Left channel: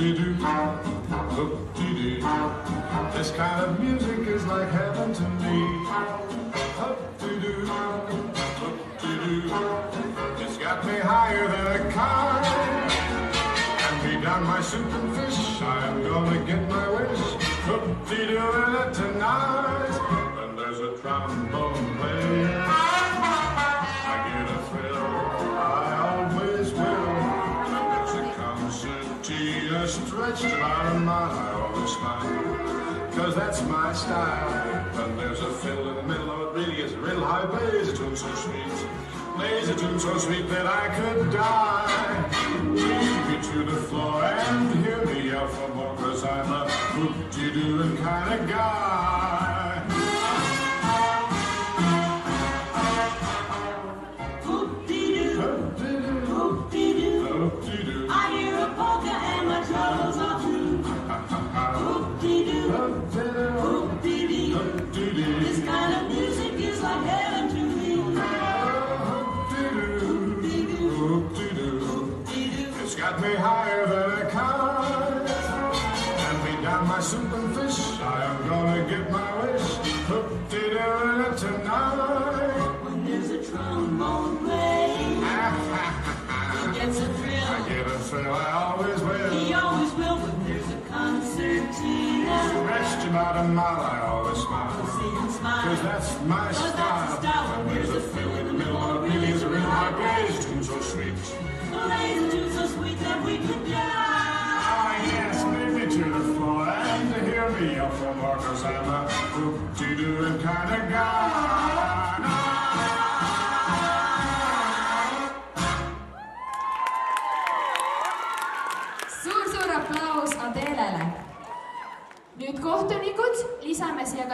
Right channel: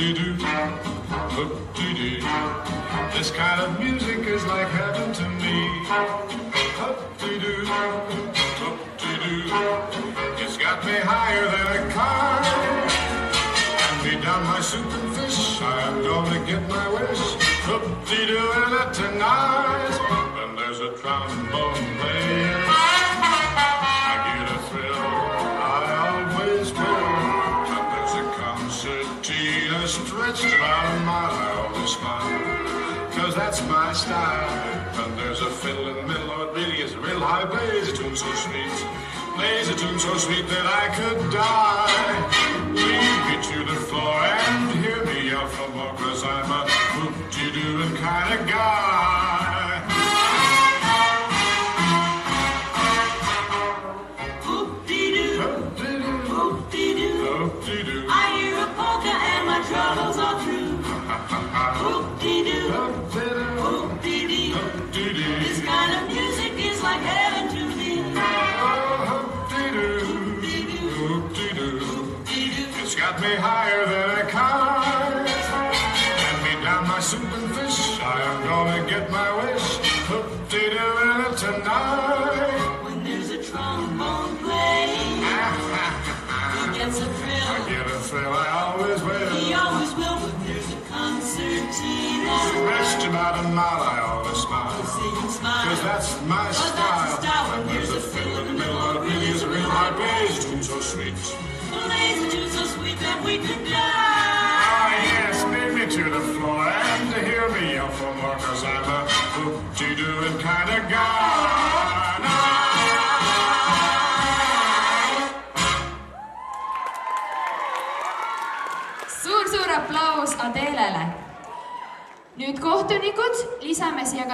Whoop-de-doo, whoop-de-doo. This kind of music is like heaven to me. Whoop-de-doo, whoop-de-doo. It's got me higher than a car. And me down my soup and fish. I am gonna get my wish. Whoop-de-doo in it tonight. And there's a trombone playing. I get a thrill, I always will. And there's a concertina stretched about a mile. I always smile, 'cause that's my style. And there's a fiddle in the middle of it, really is a real high plays a tune so sweet. Plays a tune so sweet that I could die. Lead me to the floor and hear me yell for more, 'cause I'm a whoop-de-dooing kind of guy. Whoop-de-doo, whoop-de-doo, Whoop-de-doo. I hear a polka and my troubles are through. Whoop-de-doo, Whoop-de-doo. whoop-de-doo, Whoop-de-doo. this kind of music is like heaven to me. Whoop-de-doo. Whoop-de-doo, Whoop-de-doo. whoop-de-doo. It's got me higher than a car. And me down my soup and fish. I am gonna get my wish. Whoop-de-doo in it tonight. When there's a trombone playing, he gets a I thrill. get a thrill, I always will. He always will when there's a concertina. Stretched about a mile, I always smile. Sing and smile. 'Cause that's my 'Cause that's the style. And there's a fiddle in the middle of it, really is a real high plays tune so sweet. Plays a tune so sweet that we could die. Ah, yes, lead me to the floor and to hear me yell for more, 'cause I'm a whoop-de-dooing kind of guy. Suur-suur aplaus Adelele. Nüüd kohtunikud lisame siia